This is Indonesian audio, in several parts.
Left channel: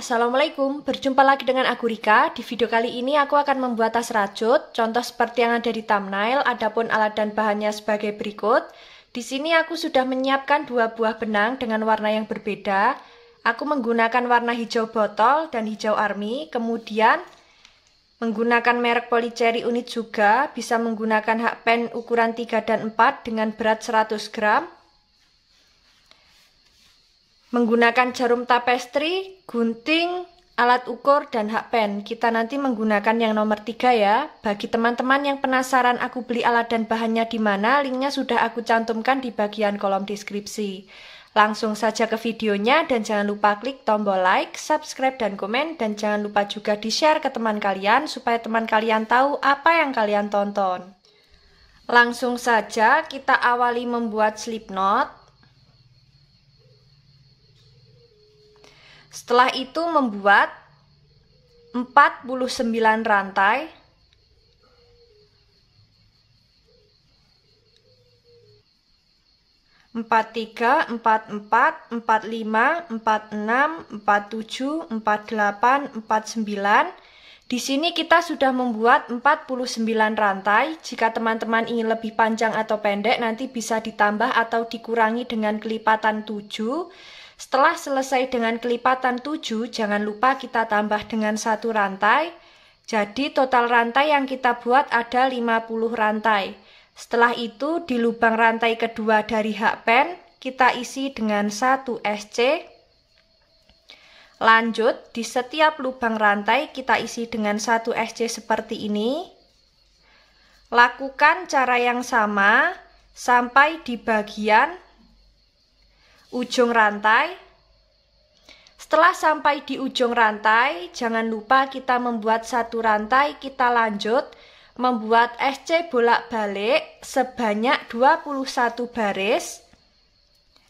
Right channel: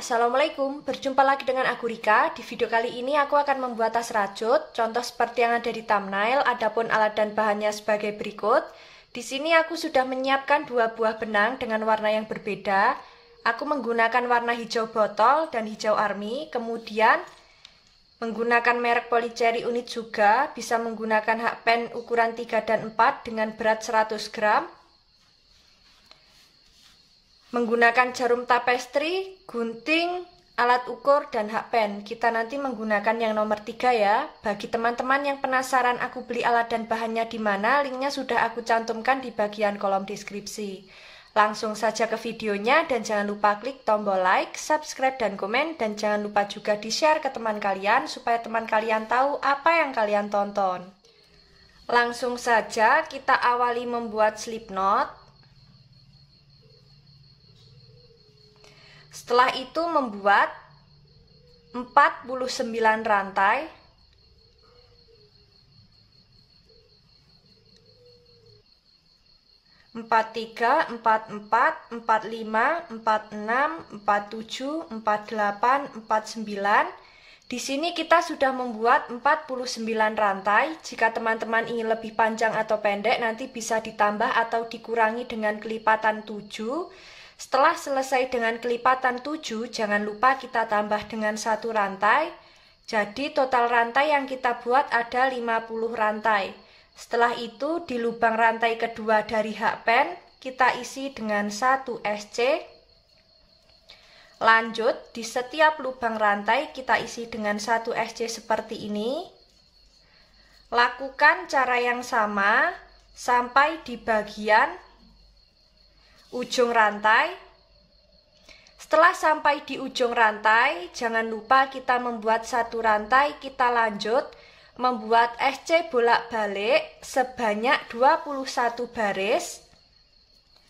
Assalamualaikum, berjumpa lagi dengan aku Rika. Di video kali ini aku akan membuat tas rajut, contoh seperti yang ada di thumbnail, adapun alat dan bahannya sebagai berikut. Di sini aku sudah menyiapkan dua buah benang dengan warna yang berbeda. Aku menggunakan warna hijau botol dan hijau army, kemudian menggunakan merek Polycherry unit juga, bisa menggunakan hakpen ukuran 3 dan 4 dengan berat 100 gram. Menggunakan jarum tapestri, gunting, alat ukur, dan hakpen. Kita nanti menggunakan yang nomor 3 ya. Bagi teman-teman yang penasaran aku beli alat dan bahannya di mana, linknya sudah aku cantumkan di bagian kolom deskripsi. Langsung saja ke videonya dan jangan lupa klik tombol like, subscribe, dan komen. Dan jangan lupa juga di-share ke teman kalian supaya teman kalian tahu apa yang kalian tonton. Langsung saja kita awali membuat slip knot. Setelah itu membuat 49 rantai. Empat tiga, 44, 45, 46, 47, 48, 49. Di sini kita sudah membuat 49 rantai. Jika teman-teman ingin lebih panjang atau pendek, nanti bisa ditambah atau dikurangi dengan kelipatan 7. Setelah selesai dengan kelipatan 7, jangan lupa kita tambah dengan 1 rantai. Jadi total rantai yang kita buat ada 50 rantai. Setelah itu di lubang rantai kedua dari hakpen kita isi dengan 1 SC. Lanjut di setiap lubang rantai kita isi dengan 1 SC seperti ini. Lakukan cara yang sama sampai di bagian ujung rantai. Setelah sampai di ujung rantai, jangan lupa kita membuat 1 rantai. Kita lanjut membuat SC bolak-balik sebanyak 21 baris.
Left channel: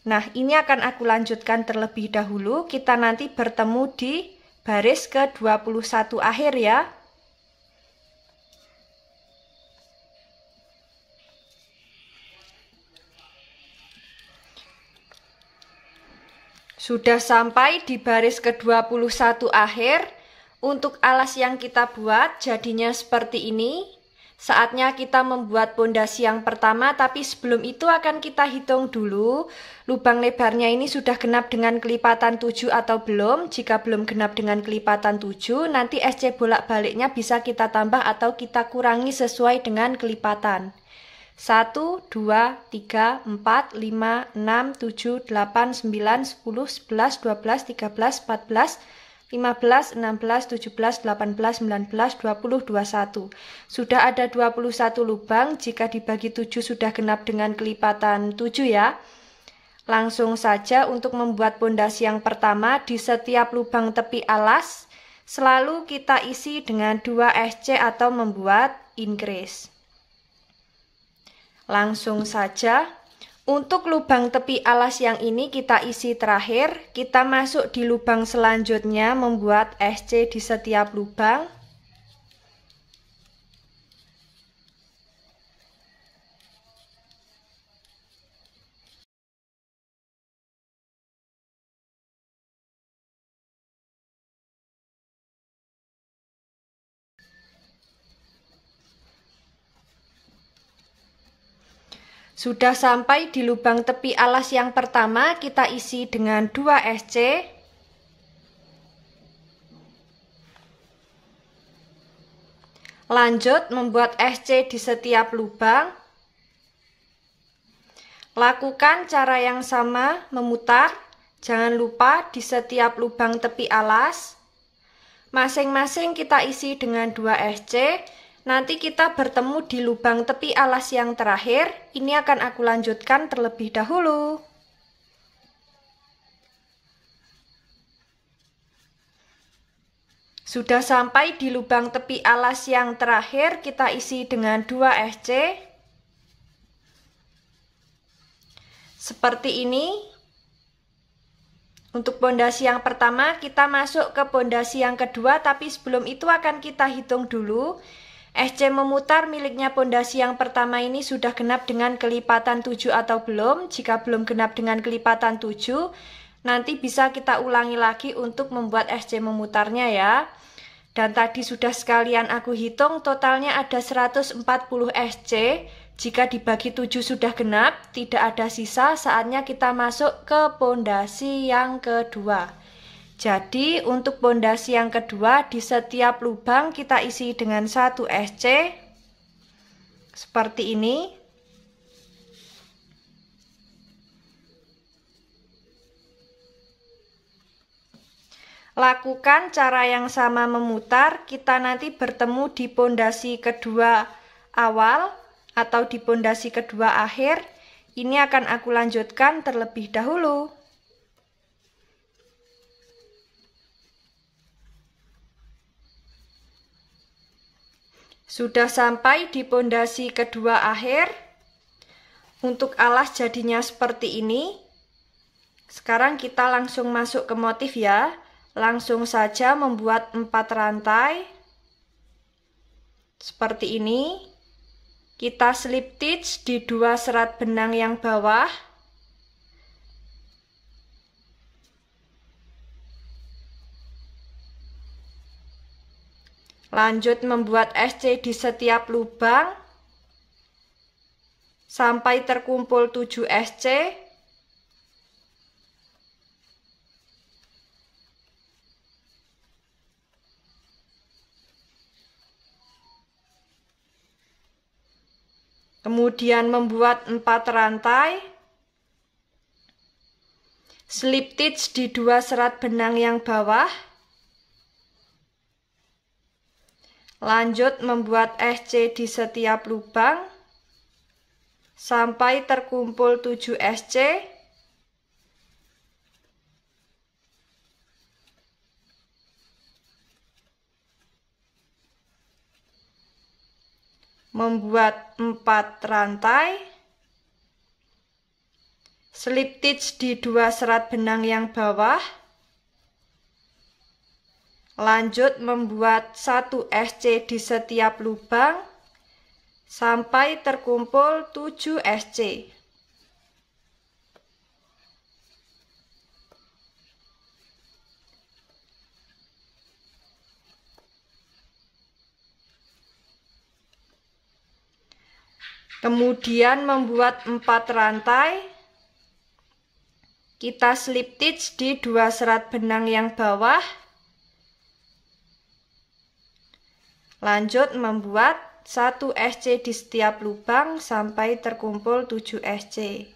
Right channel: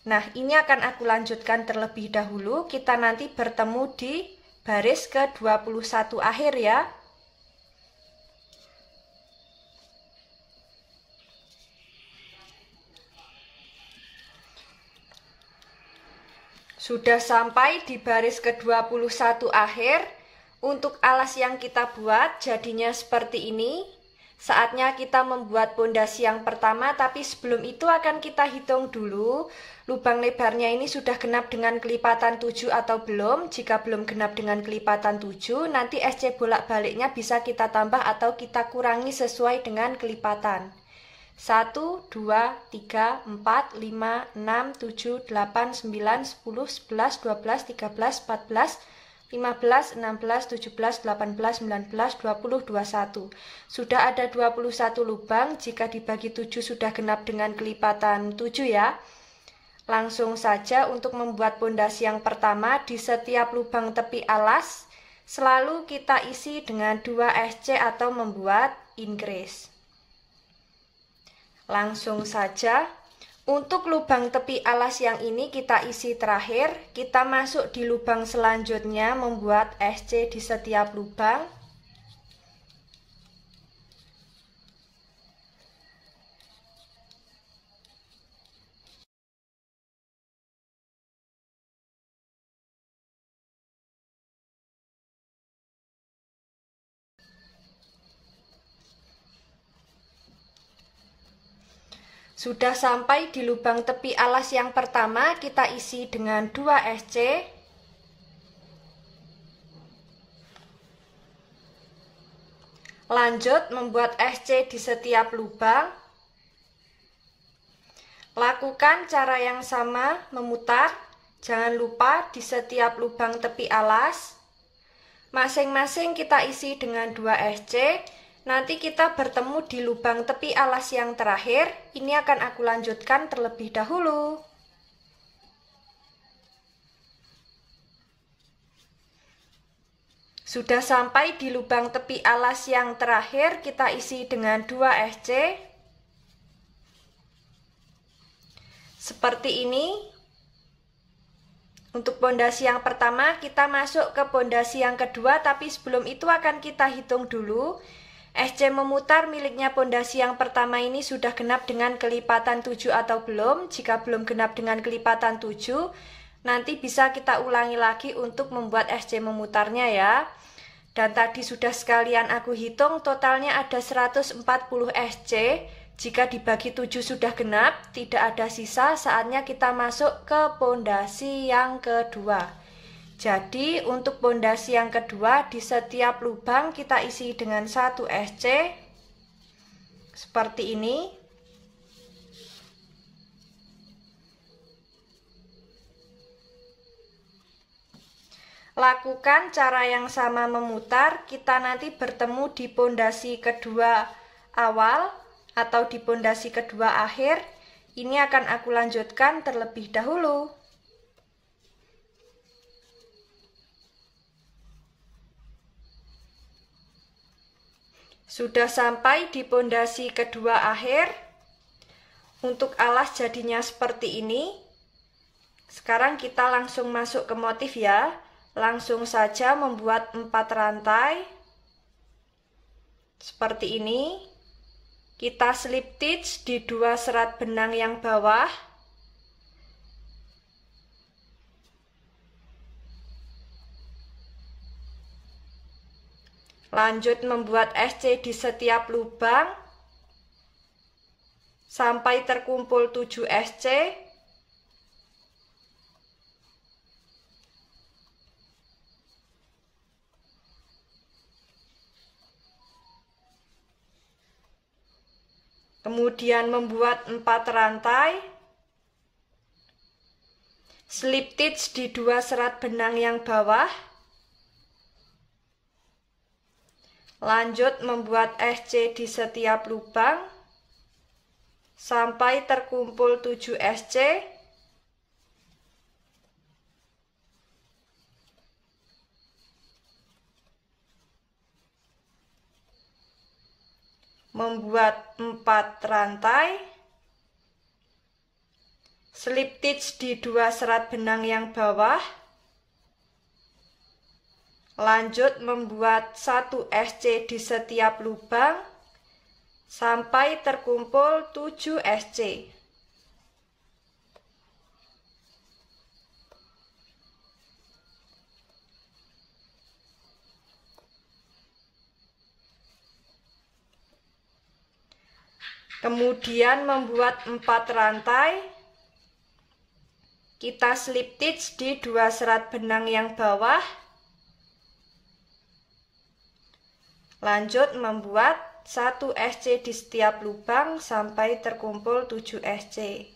Nah, ini akan aku lanjutkan terlebih dahulu. Kita nanti bertemu di baris ke-21 akhir ya. Sudah sampai di baris ke-21 akhir. Untuk alas yang kita buat jadinya seperti ini. Saatnya kita membuat pondasi yang pertama, tapi sebelum itu akan kita hitung dulu lubang lebarnya ini sudah genap dengan kelipatan 7 atau belum. Jika belum genap dengan kelipatan 7, nanti SC bolak-baliknya bisa kita tambah atau kita kurangi sesuai dengan kelipatan. 1, 2, 3, 4, 5, 6, 7, 8, 9, 10, 11, 12, 13, 14, 15, 16, 17, 18, 19, 20, 21. Sudah ada 21 lubang, jika dibagi 7 sudah genap dengan kelipatan 7 ya. Langsung saja untuk membuat pondasi yang pertama, di setiap lubang tepi alas selalu kita isi dengan 2 SC atau membuat increase. Langsung saja. Untuk lubang tepi alas yang ini kita isi terakhir, kita masuk di lubang selanjutnya membuat SC di setiap lubang. Sudah sampai di lubang tepi alas yang pertama, kita isi dengan 2 SC. Lanjut membuat SC di setiap lubang. Lakukan cara yang sama, memutar. Jangan lupa di setiap lubang tepi alas masing-masing kita isi dengan 2 SC. Nanti kita bertemu di lubang tepi alas yang terakhir. Ini akan aku lanjutkan terlebih dahulu. Sudah sampai di lubang tepi alas yang terakhir, kita isi dengan 2 SC. Seperti ini. Untuk pondasi yang pertama, kita masuk ke pondasi yang kedua, tapi sebelum itu akan kita hitung dulu. SC memutar miliknya pondasi yang pertama ini sudah genap dengan kelipatan 7 atau belum. Jika belum genap dengan kelipatan 7, Nanti bisa kita ulangi lagi untuk membuat SC memutarnya ya. Dan tadi sudah sekalian aku hitung, totalnya ada 140 SC. Jika dibagi 7 sudah genap, tidak ada sisa, saatnya kita masuk ke pondasi yang kedua. Jadi untuk pondasi yang kedua, di setiap lubang kita isi dengan 1 SC. Seperti ini. Lakukan cara yang sama memutar, kita nanti bertemu di pondasi kedua awal atau di pondasi kedua akhir. Ini akan aku lanjutkan terlebih dahulu. Sudah sampai di pondasi kedua akhir. Untuk alas jadinya seperti ini. Sekarang kita langsung masuk ke motif ya. Langsung saja membuat 4 rantai seperti ini. Kita slip stitch di 2 serat benang yang bawah. Lanjut membuat SC di setiap lubang sampai terkumpul 7 SC. Kemudian membuat 4 rantai, slip stitch di 2 serat benang yang bawah, lanjut membuat SC di setiap lubang sampai terkumpul 7 SC. Membuat 4 rantai, slip stitch di 2 serat benang yang bawah, lanjut membuat 1 SC di setiap lubang sampai terkumpul 7 SC. Kemudian membuat 4 rantai, kita slip stitch di 2 serat benang yang bawah, lanjut membuat 1 SC di setiap lubang sampai terkumpul 7 SC.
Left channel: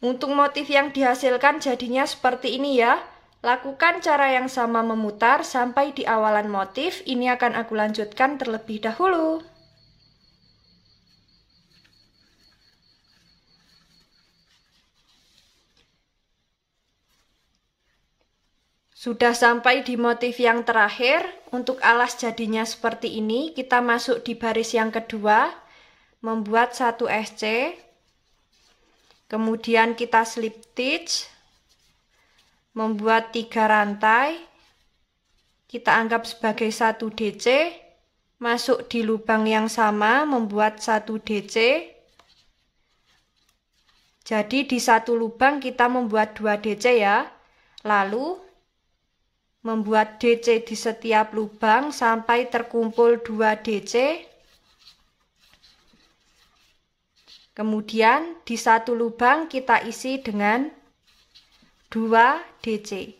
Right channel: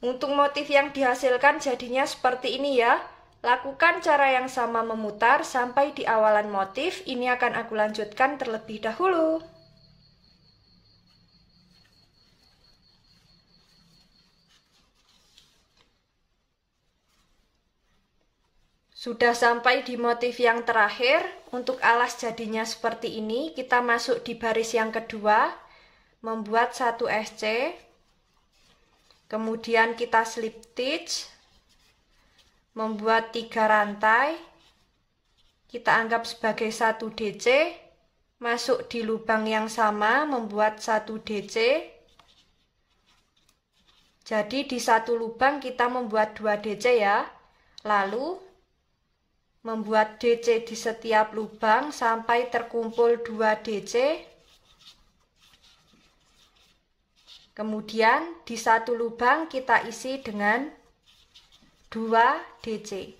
Untuk motif yang dihasilkan jadinya seperti ini ya. Lakukan cara yang sama memutar sampai di awalan motif. Ini akan aku lanjutkan terlebih dahulu. Sudah sampai di motif yang terakhir. Untuk alas jadinya seperti ini. Kita masuk di baris yang kedua, membuat 1 SC. Kemudian kita slip stitch, membuat 3 rantai, kita anggap sebagai 1 DC, masuk di lubang yang sama, membuat 1 DC. Jadi di satu lubang kita membuat 2 DC ya. Lalu membuat DC di setiap lubang sampai terkumpul 2 DC. Kemudian di satu lubang kita isi dengan 2 DC.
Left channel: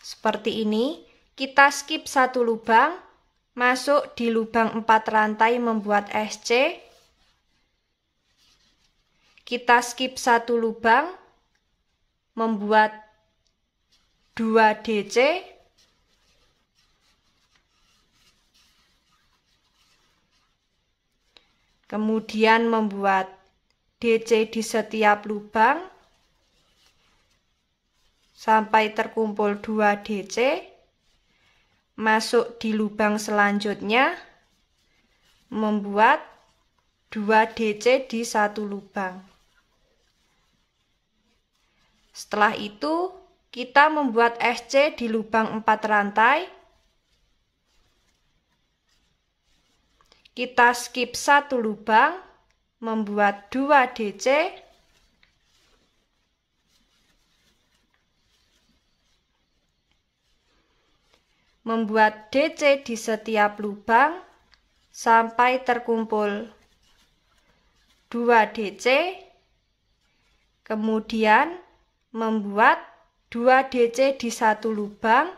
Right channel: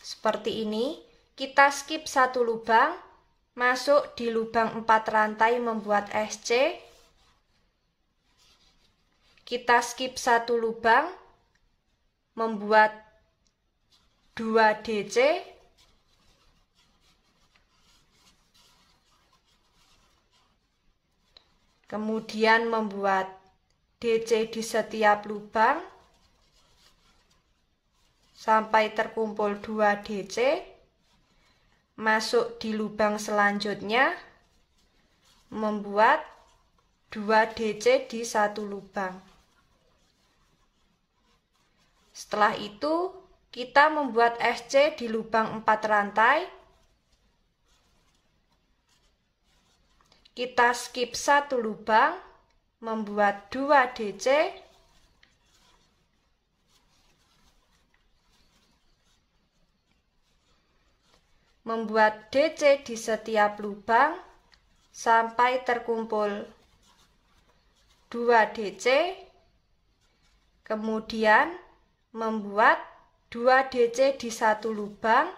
Seperti ini, kita skip 1 lubang, masuk di lubang 4 rantai membuat SC. Kita skip 1 lubang, membuat 2 DC. Kemudian membuat DC di setiap lubang sampai terkumpul 2 DC, masuk di lubang selanjutnya, membuat 2 DC di satu lubang. Setelah itu, kita membuat SC di lubang 4 rantai, kita skip 1 lubang, membuat 2 DC, membuat DC di setiap lubang sampai terkumpul 2 DC, kemudian membuat 2 DC di satu lubang,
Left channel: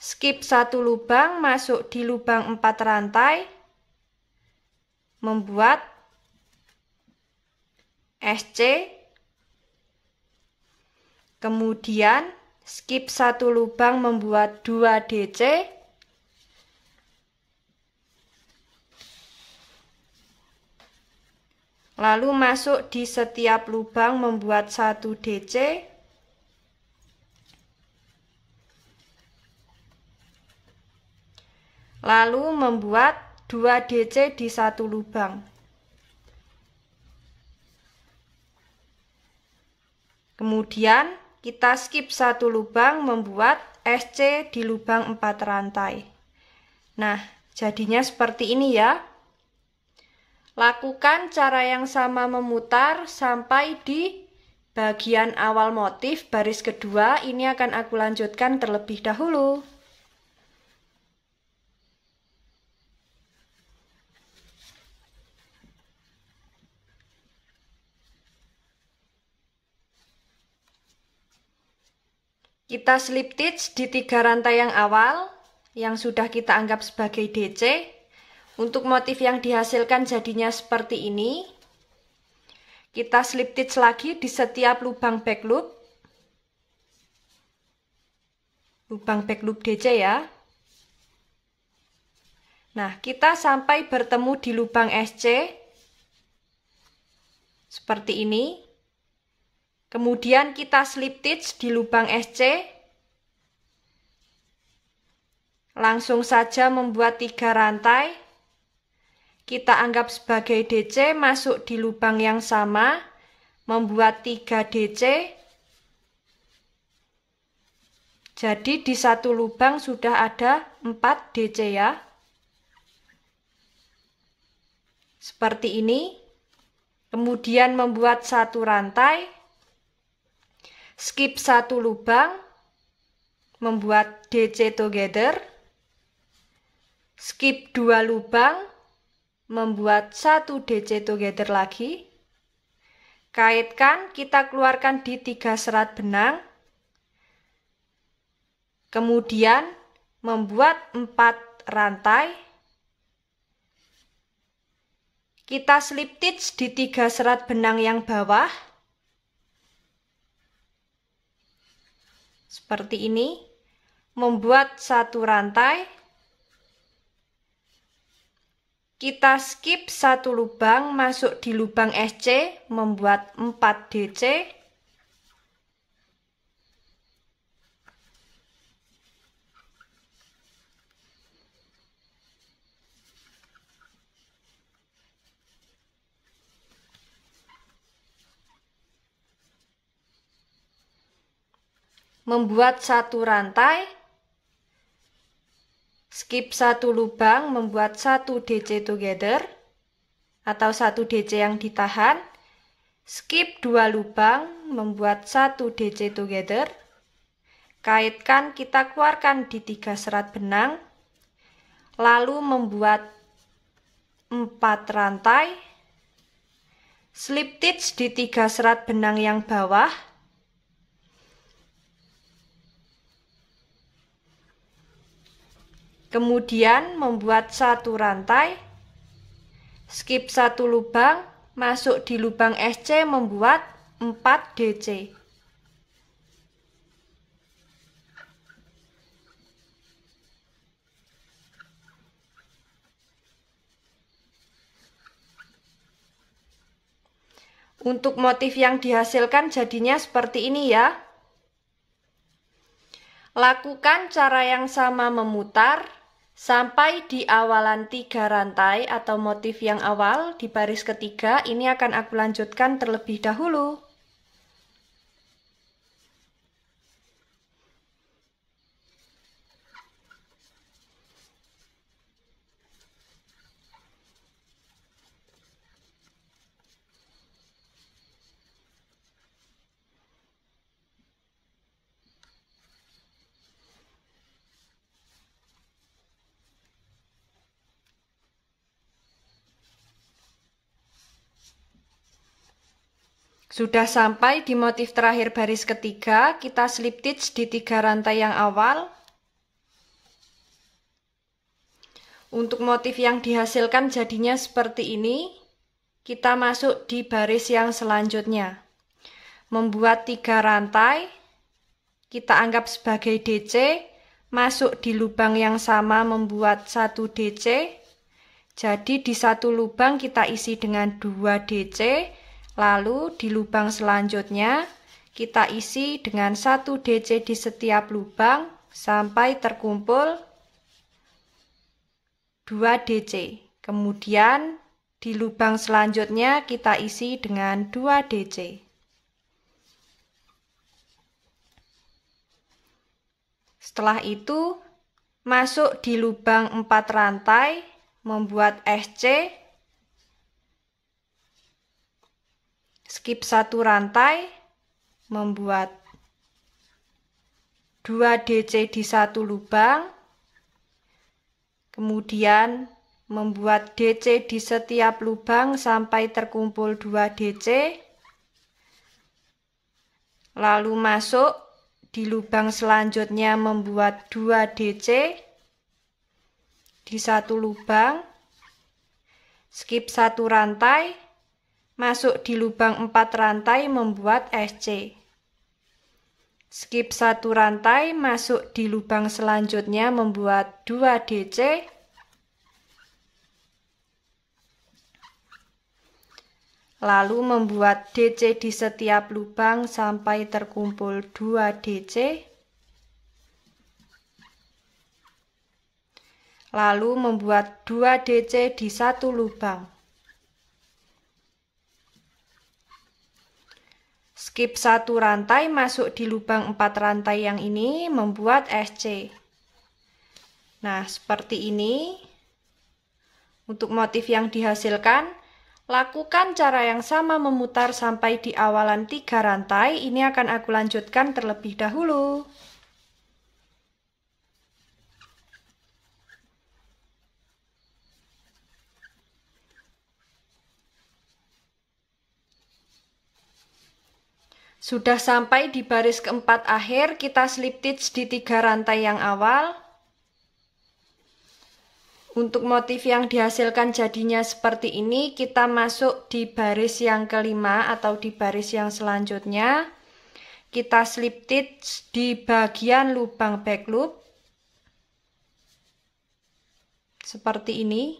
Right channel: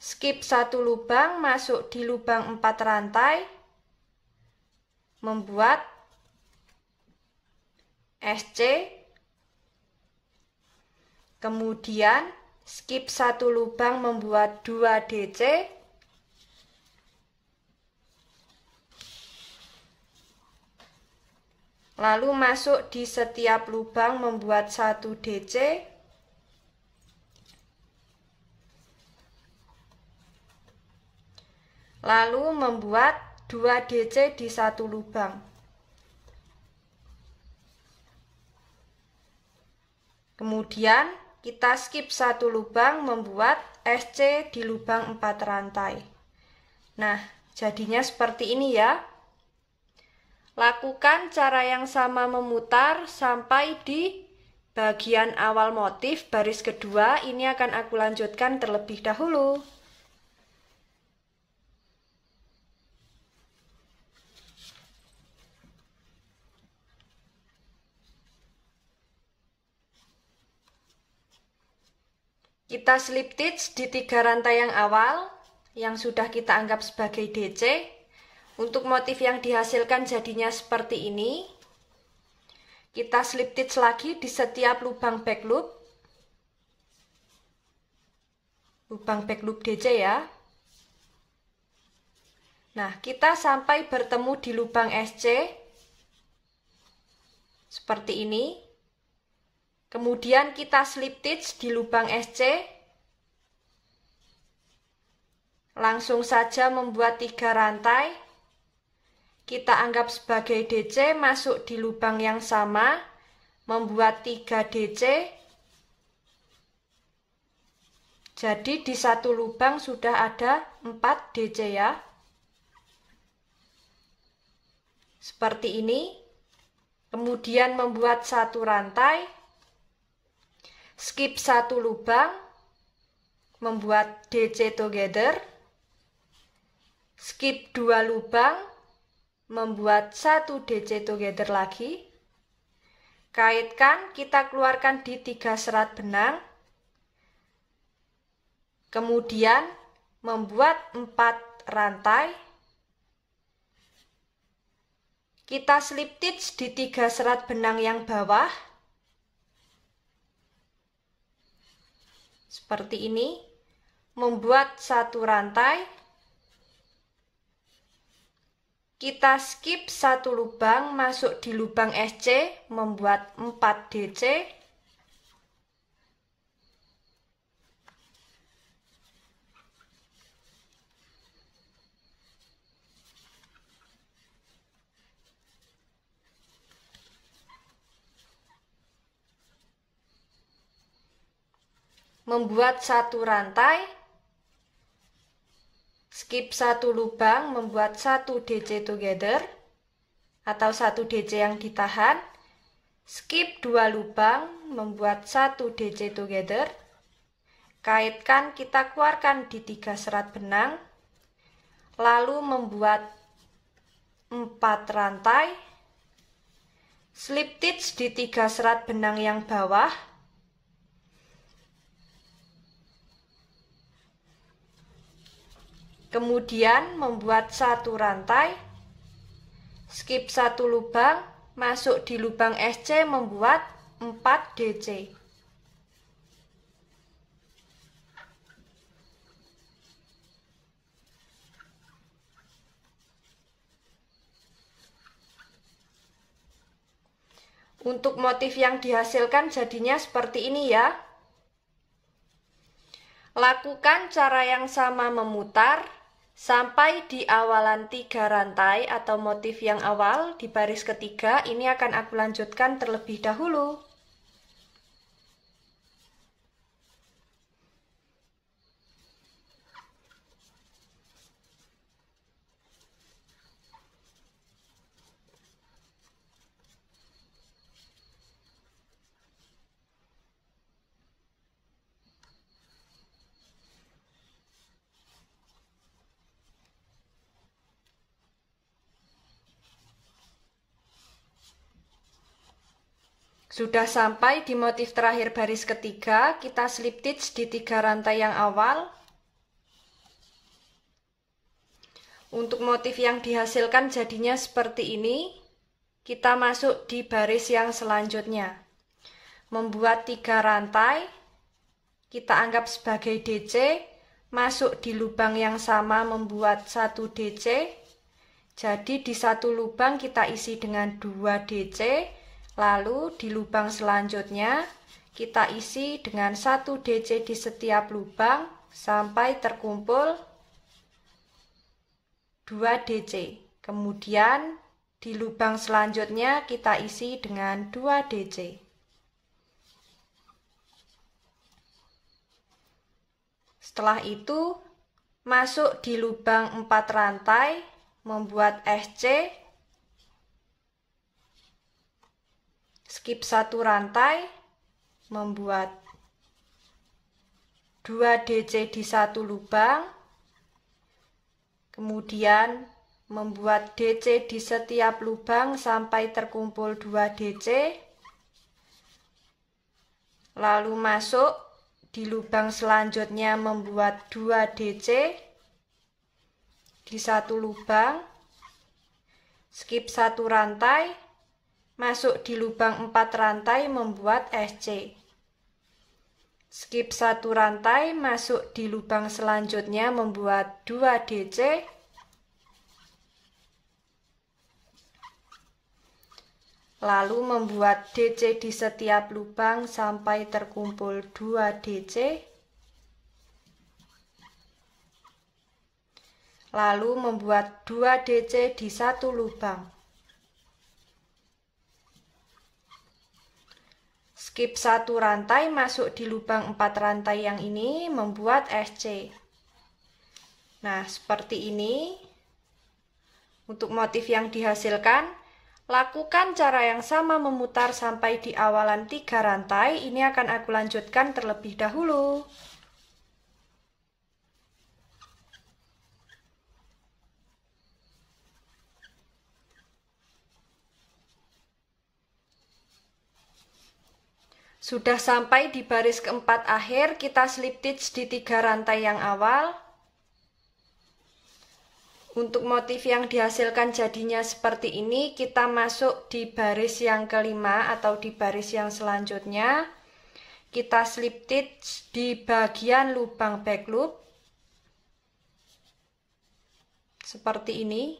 skip satu lubang, masuk di lubang 4 rantai, membuat SC, kemudian skip satu lubang, membuat 2 DC, lalu masuk di setiap lubang, membuat 1 DC, lalu membuat 2 DC di satu lubang. Kemudian kita skip satu lubang, membuat SC di lubang 4 rantai. Nah, jadinya seperti ini ya. Lakukan cara yang sama memutar sampai di bagian awal motif baris kedua. Ini akan aku lanjutkan terlebih dahulu. Kita slip stitch di 3 rantai yang awal yang sudah kita anggap sebagai DC. Untuk motif yang dihasilkan jadinya seperti ini. Kita slip stitch lagi di setiap lubang back loop. Lubang back loop DC ya. Nah, kita sampai bertemu di lubang SC. Seperti ini. Kemudian kita slip stitch di lubang SC. Langsung saja membuat 3 rantai. Kita anggap sebagai DC, masuk di lubang yang sama, membuat 3 DC. Jadi di satu lubang sudah ada 4 DC ya. Seperti ini. Kemudian membuat 1 rantai. Skip satu lubang, membuat DC together, skip 2 lubang, membuat 1 DC together lagi, kaitkan, kita keluarkan di 3 serat benang, kemudian membuat 4 rantai, kita slip stitch di 3 serat benang yang bawah, seperti ini, membuat 1 rantai, kita skip 1 lubang, masuk di lubang SC, membuat 4 DC, membuat 1 rantai, skip 1 lubang, membuat 1 DC together atau 1 DC yang ditahan, skip 2 lubang, membuat 1 DC together, kaitkan, kita keluarkan di 3 serat benang, lalu membuat 4 rantai, slip stitch di 3 serat benang yang bawah, kemudian membuat 1 rantai, skip 1 lubang, masuk di lubang SC, membuat 4 DC. Untuk motif yang dihasilkan jadinya seperti ini ya. Lakukan cara yang sama memutar sampai di awalan 3 rantai atau motif yang awal di baris ketiga. Ini akan aku lanjutkan terlebih dahulu. Sudah sampai di motif terakhir baris ketiga, kita slip stitch di 3 rantai yang awal. Untuk motif yang dihasilkan jadinya seperti ini. Kita masuk di baris yang selanjutnya. Membuat 3 rantai, kita anggap sebagai DC, masuk di lubang yang sama membuat 1 DC. Jadi di satu lubang kita isi dengan 2 DC, lalu di lubang selanjutnya kita isi dengan 1 DC di setiap lubang sampai terkumpul 2 DC. Kemudian di lubang selanjutnya kita isi dengan 2 DC. Setelah itu masuk di lubang 4 rantai, membuat SC, skip 1 rantai, membuat 2 DC di satu lubang, kemudian membuat DC di setiap lubang sampai terkumpul 2 DC, lalu masuk di lubang selanjutnya membuat 2 DC di satu lubang, skip 1 rantai, masuk di lubang 4 rantai membuat SC, skip 1 rantai, masuk di lubang selanjutnya membuat 2 DC, lalu membuat DC di setiap lubang sampai terkumpul 2 DC, lalu membuat 2 DC di satu lubang, skip 1 rantai, masuk di lubang 4 rantai yang ini membuat SC. Nah, seperti ini untuk motif yang dihasilkan. Lakukan cara yang sama memutar sampai di awalan 3 rantai. Ini akan aku lanjutkan terlebih dahulu. Sudah sampai di baris keempat akhir, kita slip stitch di 3 rantai yang awal. Untuk motif yang dihasilkan jadinya seperti ini, kita masuk di baris yang kelima atau di baris yang selanjutnya. Kita slip stitch di bagian lubang back loop. Seperti ini.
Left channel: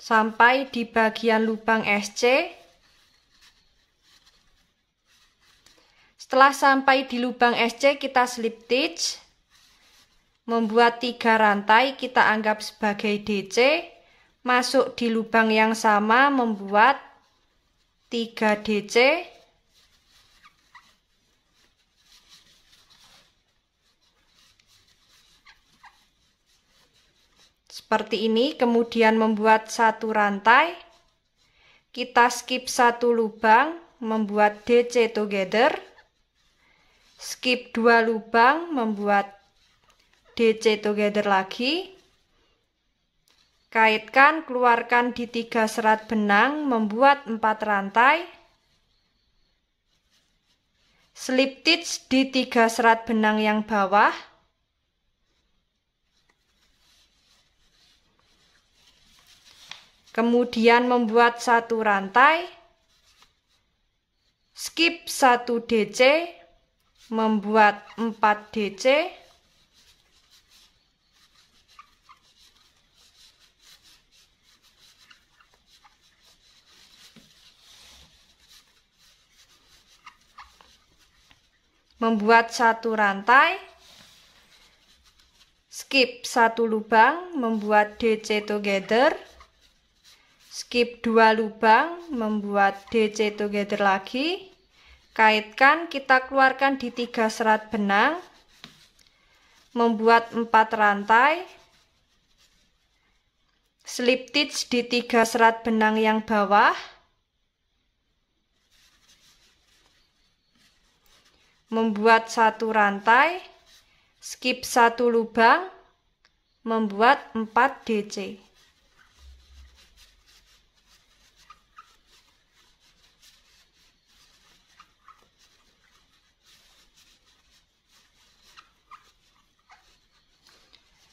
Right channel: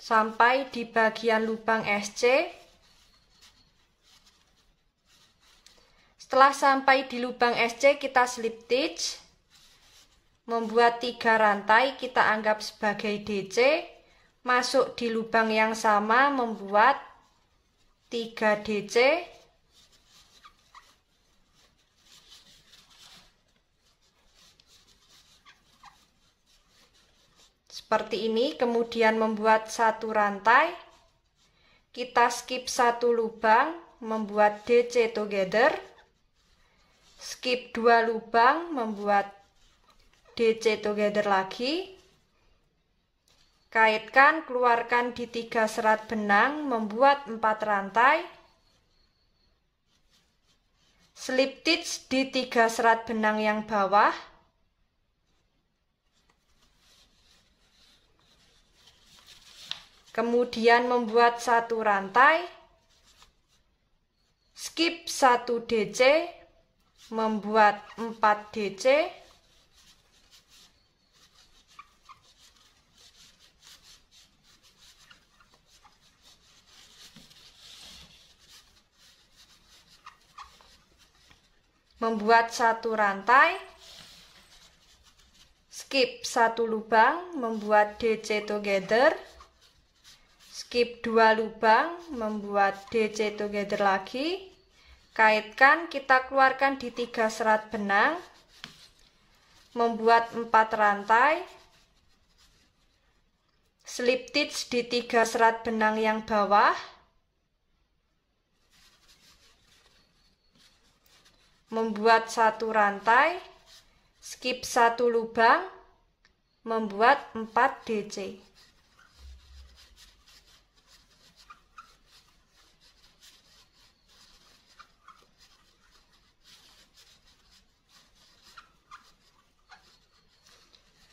Sampai di bagian lubang SC. Setelah sampai di lubang SC, kita slip stitch. Membuat 3 rantai, kita anggap sebagai DC, masuk di lubang yang sama membuat 3 DC, seperti ini, kemudian membuat 1 rantai, kita skip 1 lubang, membuat DC together, skip 2 lubang, membuat DC together lagi, kaitkan, keluarkan di 3 serat benang, membuat 4 rantai, slip stitch di 3 serat benang yang bawah, kemudian membuat 1 rantai, skip 1 DC, membuat 4 DC, membuat 1 rantai, skip 1 lubang, membuat DC together, skip 2 lubang, membuat DC together lagi, kaitkan, kita keluarkan di 3 serat benang, membuat 4 rantai, slip stitch di 3 serat benang yang bawah, membuat 1 rantai, skip 1 lubang, membuat 4 DC.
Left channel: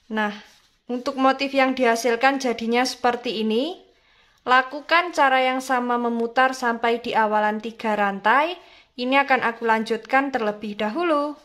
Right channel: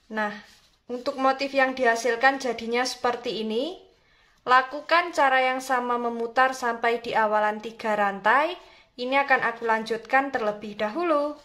Nah, untuk motif yang dihasilkan jadinya seperti ini. Lakukan cara yang sama memutar sampai di awalan 3 rantai. Ini akan aku lanjutkan terlebih dahulu.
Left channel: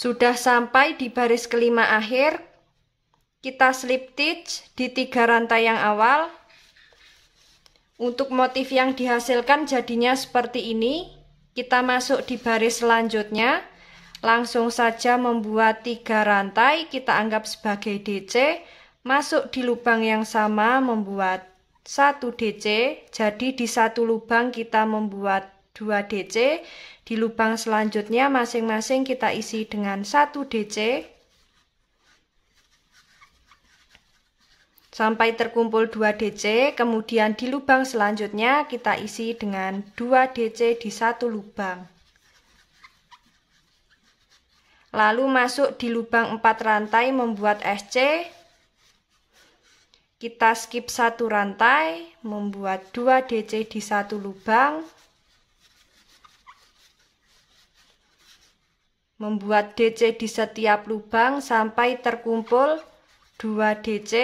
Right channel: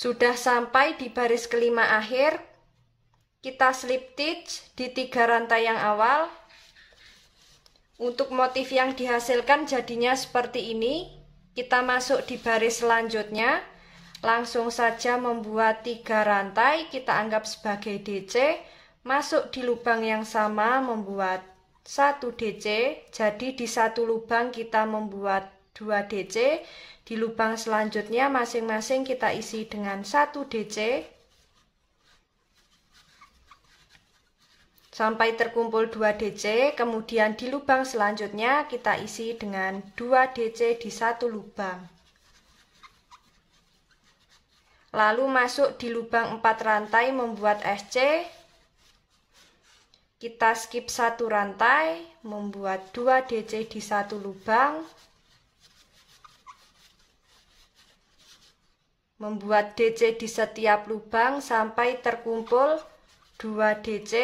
Sudah sampai di baris kelima akhir, kita slip stitch di 3 rantai yang awal. Untuk motif yang dihasilkan jadinya seperti ini. Kita masuk di baris selanjutnya, langsung saja membuat 3 rantai, kita anggap sebagai DC, masuk di lubang yang sama membuat 1 DC, jadi di satu lubang kita membuat 2 DC. Di lubang selanjutnya masing-masing kita isi dengan 1 DC sampai terkumpul 2 DC. Kemudian di lubang selanjutnya kita isi dengan 2 DC di satu lubang. Lalu masuk di lubang 4 rantai membuat SC. Kita skip 1 rantai, membuat 2 DC di satu lubang. Membuat DC di setiap lubang sampai terkumpul 2 DC.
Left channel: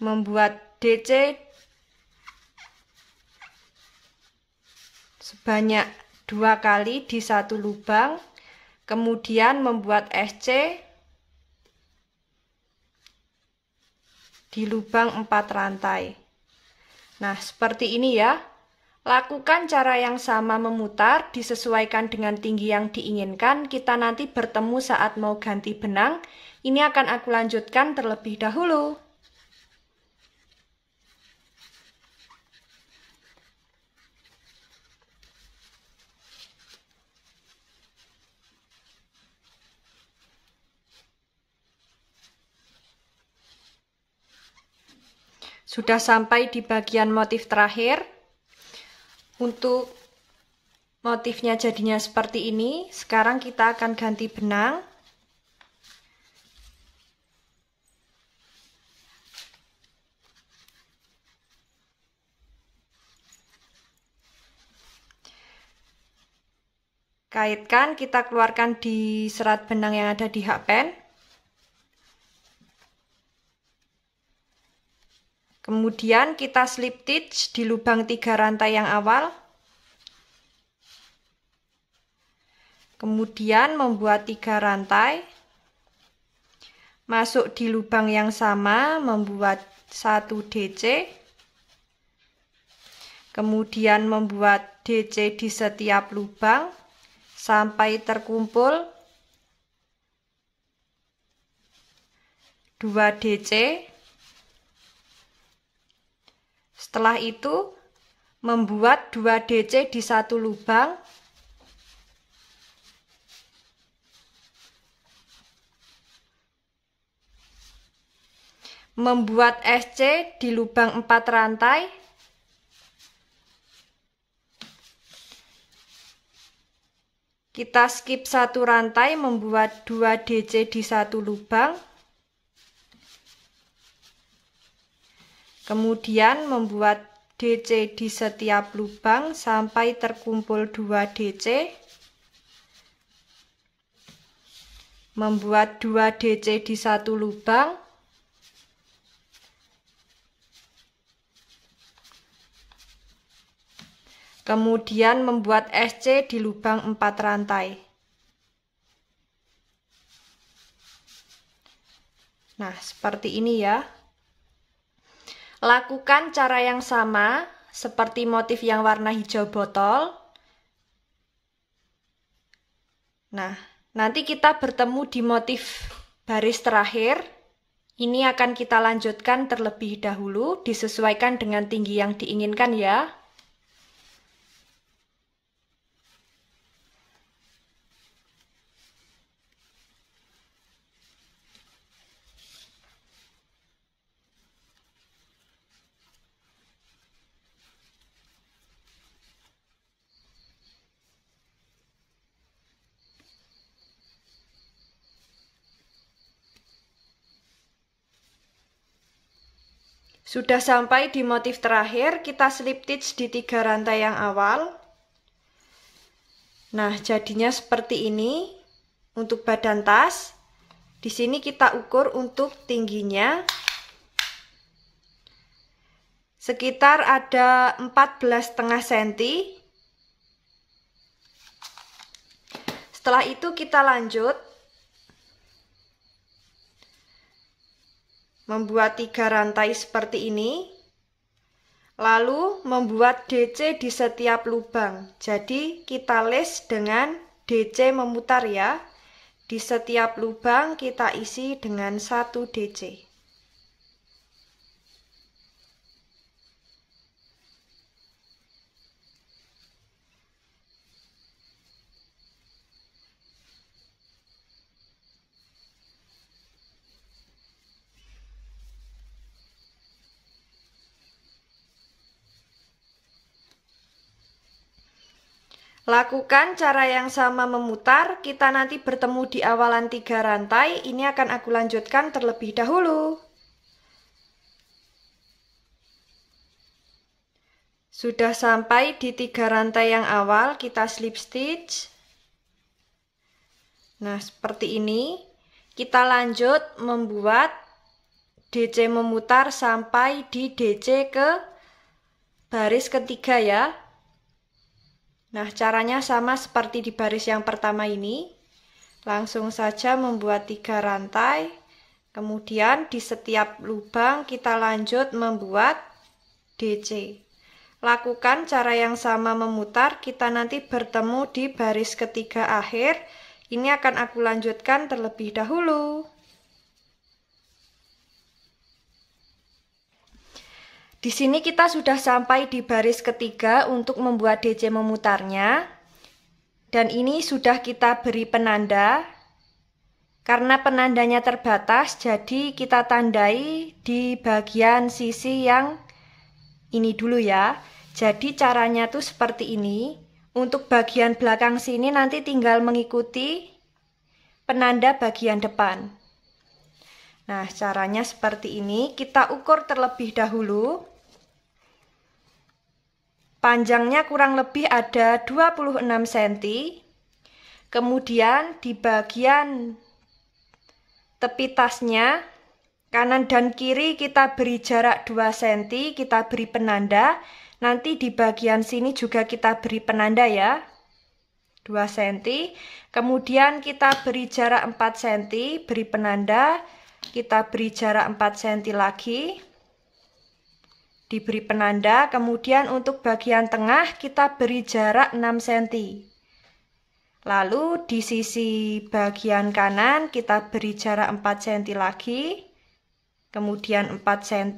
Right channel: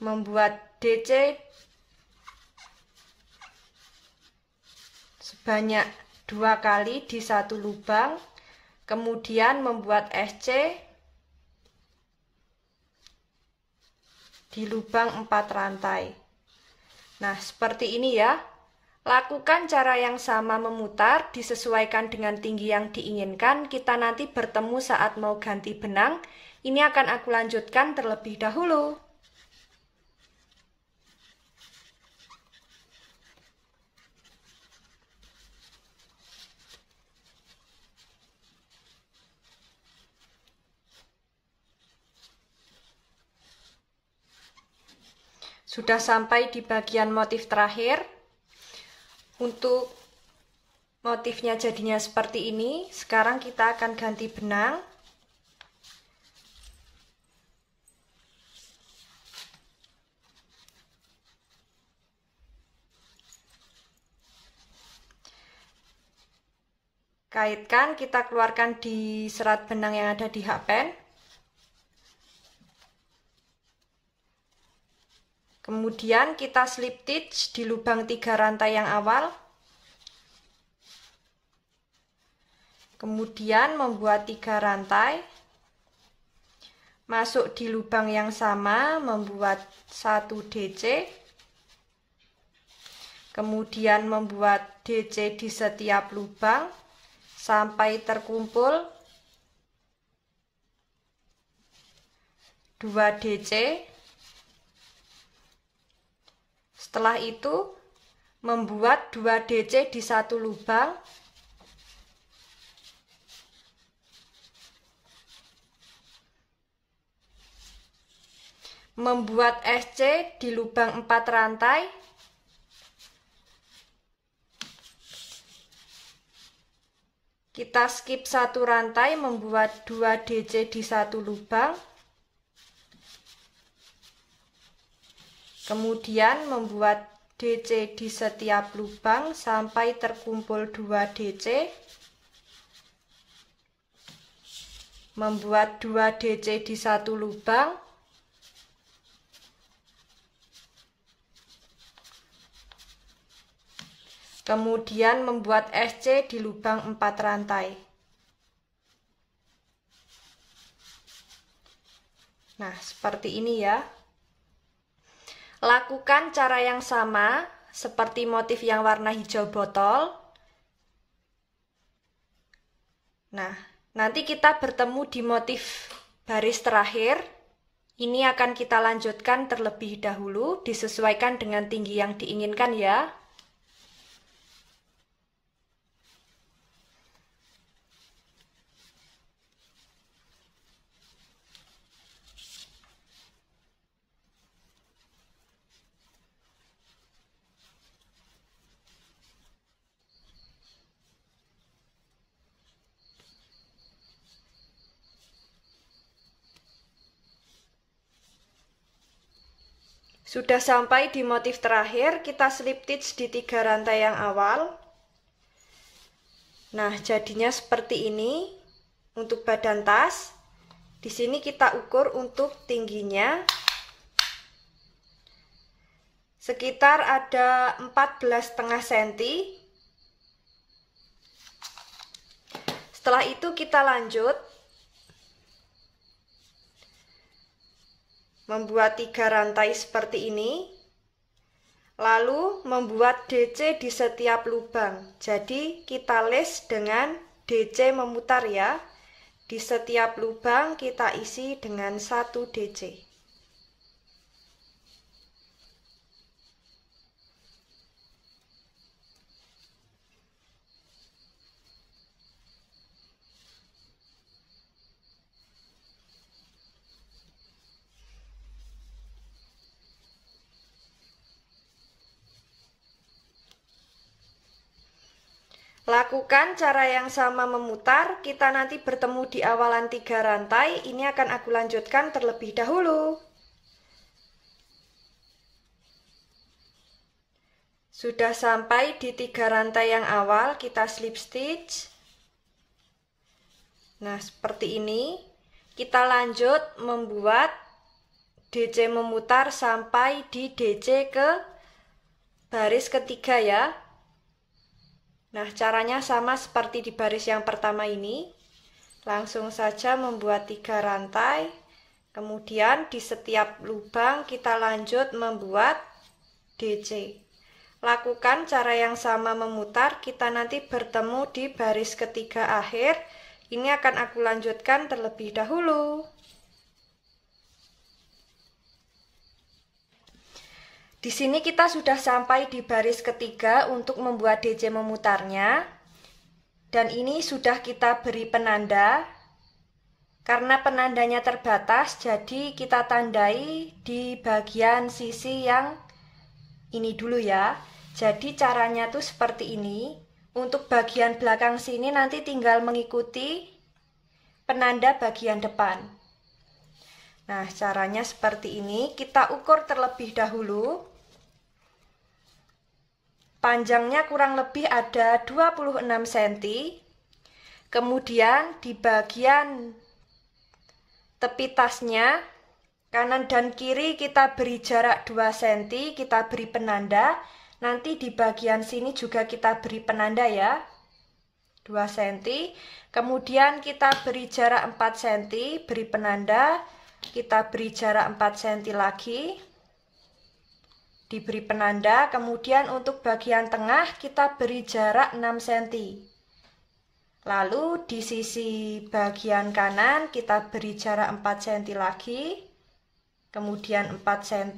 Membuat DC sebanyak 2 kali di satu lubang. Kemudian membuat SC di lubang 4 rantai. Nah, seperti ini ya. Lakukan cara yang sama memutar, disesuaikan dengan tinggi yang diinginkan. Kita nanti bertemu saat mau ganti benang. Ini akan aku lanjutkan terlebih dahulu. Sudah sampai di bagian motif terakhir. Untuk motifnya jadinya seperti ini. Sekarang kita akan ganti benang. Kaitkan, kita keluarkan di serat benang yang ada di hakpen. Kemudian kita slip stitch di lubang 3 rantai yang awal. Kemudian membuat 3 rantai. Masuk di lubang yang sama, membuat 1 DC. Kemudian membuat DC di setiap lubang sampai terkumpul 2 DC. Setelah itu membuat 2 DC di satu lubang. Membuat SC di lubang 4 rantai. Kita skip 1 rantai, membuat 2 DC di satu lubang. Kemudian membuat DC di setiap lubang sampai terkumpul 2 DC. Membuat 2 DC di satu lubang. Kemudian membuat SC di lubang 4 rantai. Nah, seperti ini ya. Lakukan cara yang sama seperti motif yang warna hijau botol. Nah, nanti kita bertemu di motif baris terakhir. Ini akan kita lanjutkan terlebih dahulu, disesuaikan dengan tinggi yang diinginkan ya. Sudah sampai di motif terakhir, kita slip stitch di 3 rantai yang awal. Nah, jadinya seperti ini untuk badan tas. Di sini kita ukur untuk tingginya sekitar ada 14,5 cm. Setelah itu kita lanjut membuat 3 rantai seperti ini, lalu membuat DC di setiap lubang. Jadi kita les dengan DC memutar ya. Di setiap lubang kita isi dengan 1 DC. Lakukan cara yang sama memutar, kita nanti bertemu di awalan 3 rantai, ini akan aku lanjutkan terlebih dahulu. Sudah sampai di 3 rantai yang awal, kita slip stitch. Nah, seperti ini. Kita lanjut membuat DC memutar sampai di DC ke baris ketiga ya. Nah, caranya sama seperti di baris yang pertama ini. Langsung saja membuat 3 rantai. Kemudian di setiap lubang kita lanjut membuat DC. Lakukan cara yang sama memutar, kita nanti bertemu di baris ketiga akhir. Ini akan aku lanjutkan terlebih dahulu. Di sini kita sudah sampai di baris ketiga untuk membuat DC memutarnya. Dan ini sudah kita beri penanda. Karena penandanya terbatas, jadi kita tandai di bagian sisi yang ini dulu ya. Jadi caranya tuh seperti ini. Untuk bagian belakang sini nanti tinggal mengikuti penanda bagian depan. Nah, caranya seperti ini. Kita ukur terlebih dahulu. Panjangnya kurang lebih ada 26 cm. Kemudian di bagian tepi tasnya kanan dan kiri kita beri jarak 2 cm, kita beri penanda. Nanti di bagian sini juga kita beri penanda ya. 2 cm. Kemudian kita beri jarak 4 cm, beri penanda. Kita beri jarak 4 cm lagi. Diberi penanda, kemudian untuk bagian tengah kita beri jarak 6 cm. Lalu di sisi bagian kanan kita beri jarak 4 cm lagi, kemudian 4 cm.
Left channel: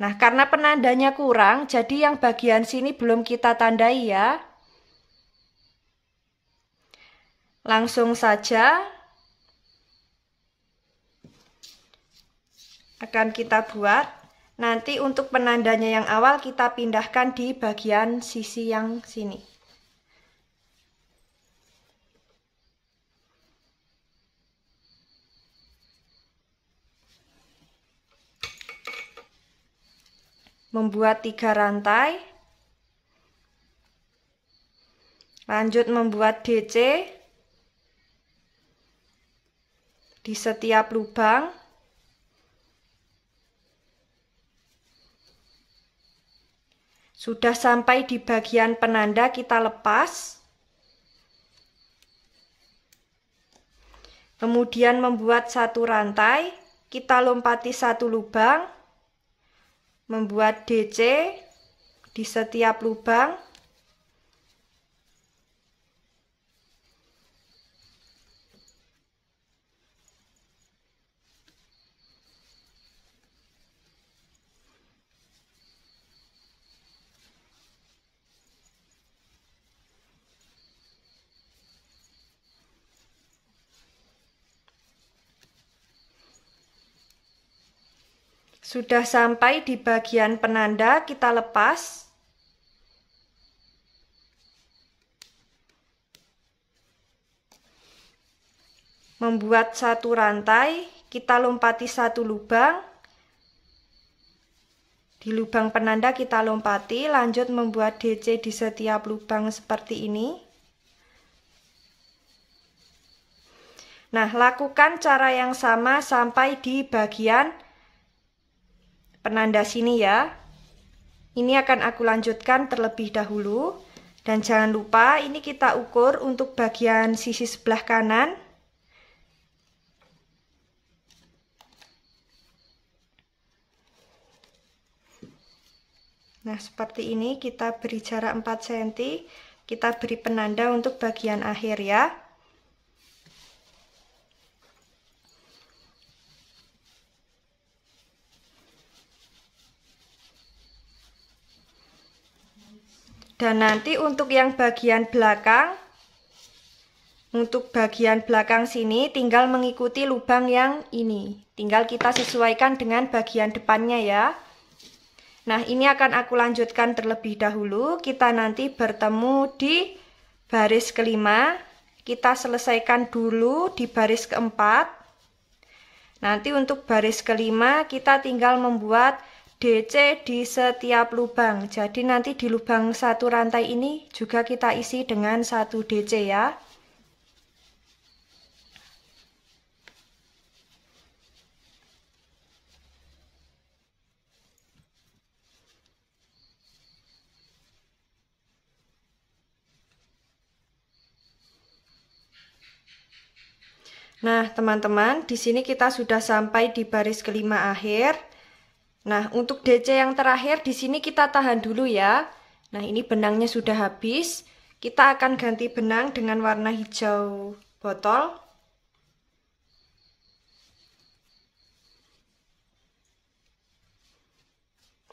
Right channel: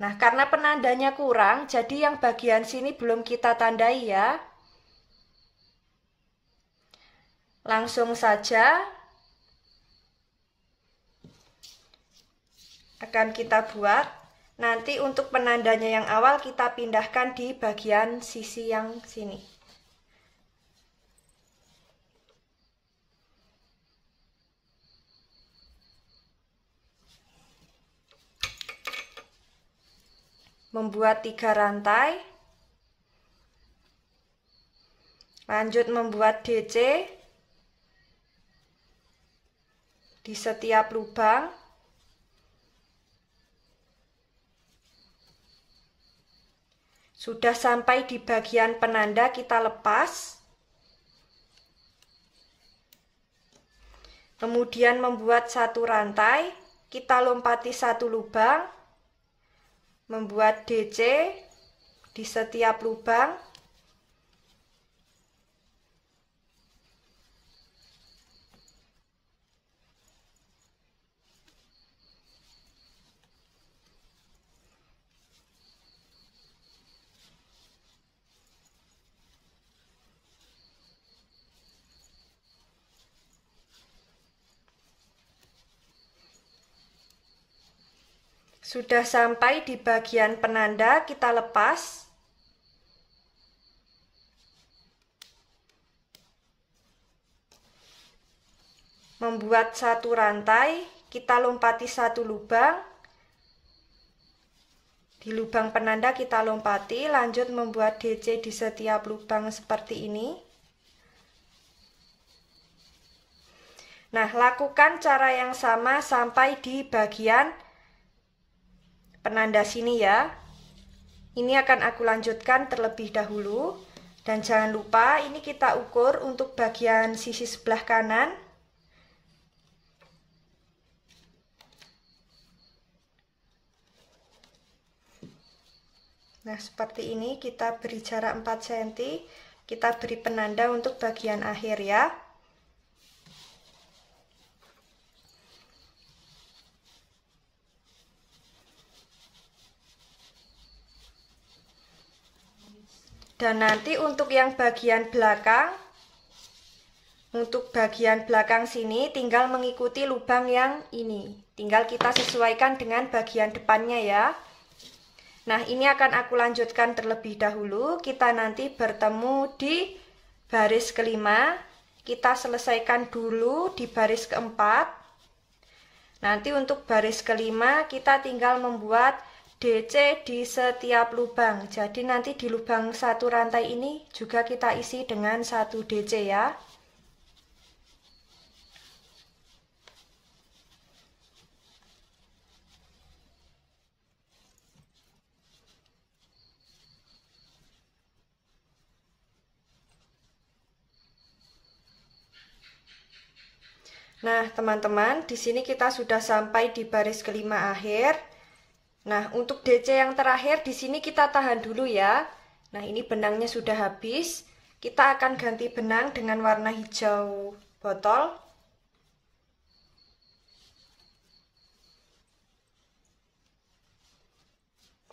Nah, karena penandanya kurang, jadi yang bagian sini belum kita tandai ya. Langsung saja akan kita buat. Nanti untuk penandanya yang awal kita pindahkan di bagian sisi yang sini. Membuat 3 rantai. Lanjut membuat DC di setiap lubang. Sudah sampai di bagian penanda, kita lepas. Kemudian membuat 1 rantai, kita lompati 1 lubang. Membuat DC di setiap lubang. Sudah sampai di bagian penanda, kita lepas. Membuat 1 rantai, kita lompati 1 lubang. Di lubang penanda kita lompati, lanjut membuat DC di setiap lubang seperti ini. Nah, lakukan cara yang sama sampai di bagian penanda sini ya. Ini akan aku lanjutkan terlebih dahulu. Dan jangan lupa ini kita ukur untuk bagian sisi sebelah kanan. Nah, seperti ini kita beri jarak 4 cm. Kita beri penanda untuk bagian akhir ya. Dan nanti untuk yang bagian belakang, untuk bagian belakang sini tinggal mengikuti lubang yang ini. Tinggal kita sesuaikan dengan bagian depannya ya. Nah, ini akan aku lanjutkan terlebih dahulu. Kita nanti bertemu di baris kelima. Kita selesaikan dulu di baris keempat. Nanti untuk baris kelima kita tinggal membuat DC di setiap lubang. Jadi nanti di lubang satu rantai ini juga kita isi dengan 1 DC ya. Nah, teman-teman, di sini kita sudah sampai di baris kelima akhir. Nah, untuk DC yang terakhir di sini kita tahan dulu ya. Nah, ini benangnya sudah habis. Kita akan ganti benang dengan warna hijau botol.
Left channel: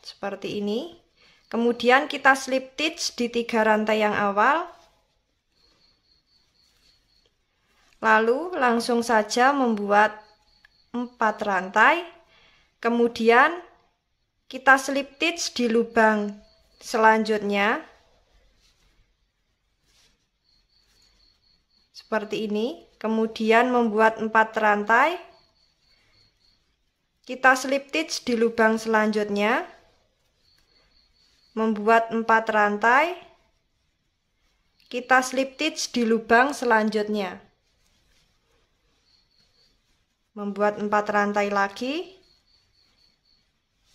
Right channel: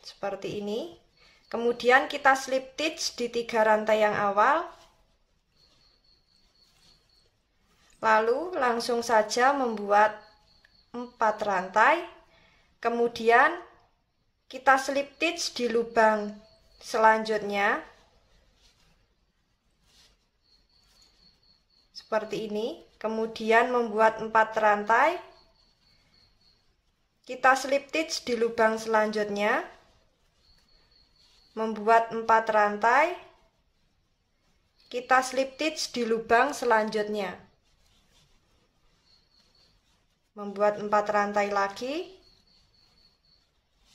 Seperti ini. Kemudian kita slip stitch di 3 rantai yang awal. Lalu langsung saja membuat 4 rantai. Kemudian kita slip stitch di lubang selanjutnya. Seperti ini. Kemudian membuat 4 rantai. Kita slip stitch di lubang selanjutnya. Membuat 4 rantai. Kita slip stitch di lubang selanjutnya. Membuat 4 rantai lagi.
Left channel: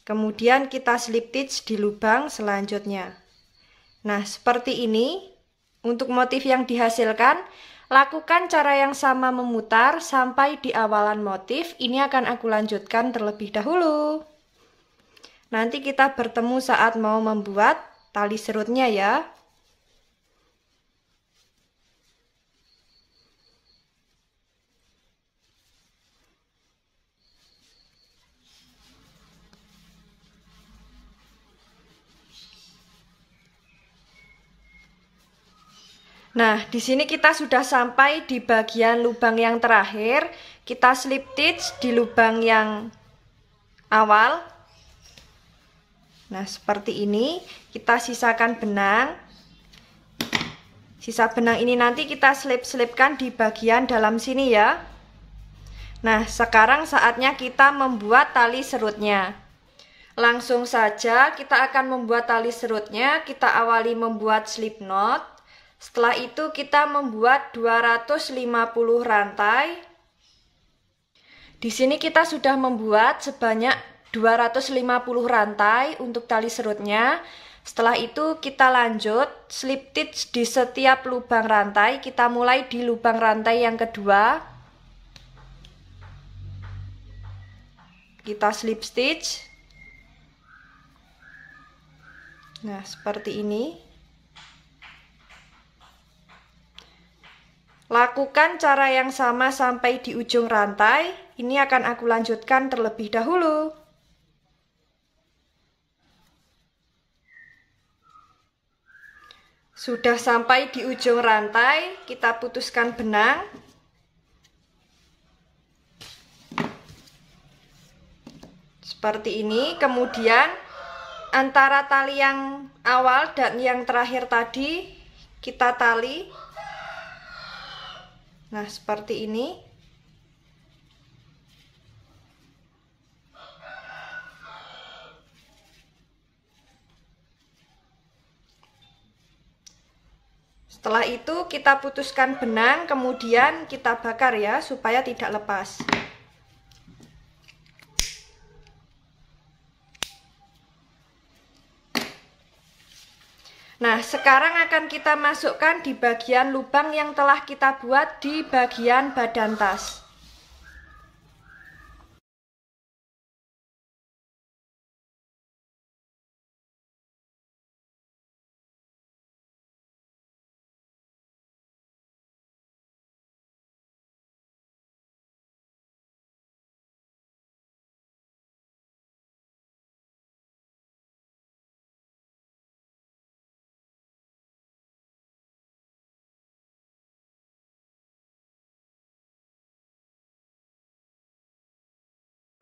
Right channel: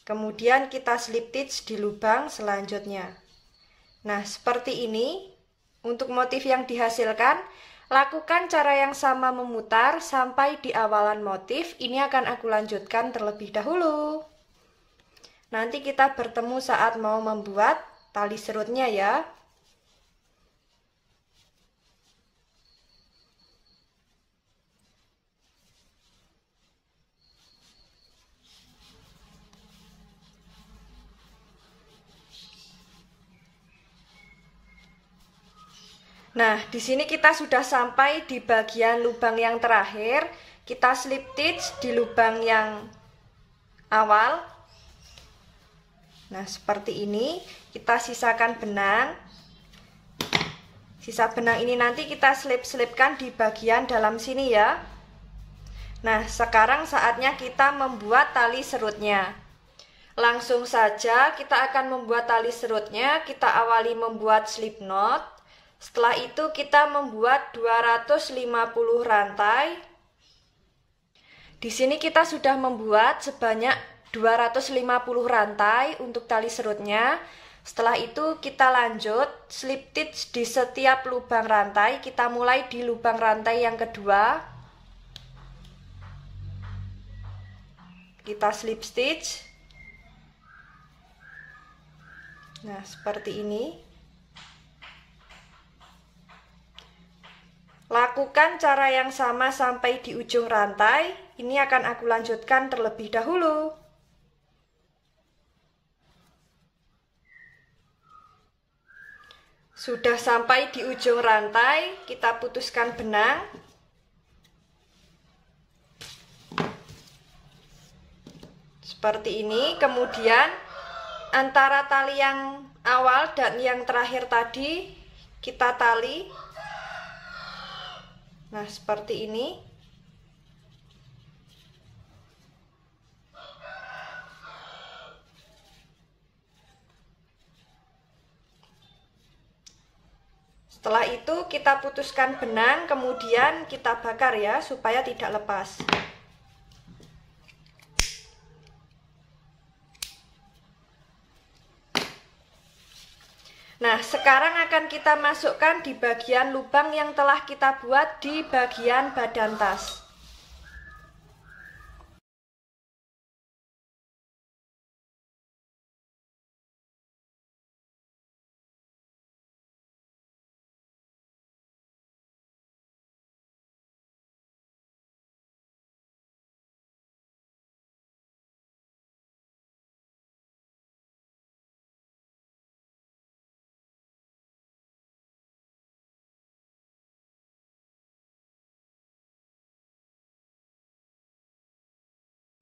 Kemudian kita slip stitch di lubang selanjutnya. Nah, seperti ini. Untuk motif yang dihasilkan, lakukan cara yang sama memutar sampai di awalan motif. Ini akan aku lanjutkan terlebih dahulu. Nanti kita bertemu saat mau membuat tali serutnya ya. Nah, di sini kita sudah sampai di bagian lubang yang terakhir. Kita slip stitch di lubang yang awal. Nah, seperti ini. Kita sisakan benang. Sisa benang ini nanti kita selip-selipkan di bagian dalam sini ya. Nah, sekarang saatnya kita membuat tali serutnya. Langsung saja kita akan membuat tali serutnya. Kita awali membuat slip knot. Setelah itu kita membuat 250 rantai. Di sini kita sudah membuat sebanyak 250 rantai untuk tali serutnya. Setelah itu kita lanjut slip stitch di setiap lubang rantai. Kita mulai di lubang rantai yang kedua. Kita slip stitch. Nah, seperti ini. Lakukan cara yang sama sampai di ujung rantai. Ini akan aku lanjutkan terlebih dahulu. Sudah sampai di ujung rantai, kita putuskan benang. Seperti ini. Kemudian antara tali yang awal dan yang terakhir tadi kita tali. Nah, seperti ini. Setelah itu kita putuskan benang, kemudian kita bakar ya, supaya tidak lepas. Nah, sekarang akan kita masukkan di bagian lubang yang telah kita buat di bagian badan tas.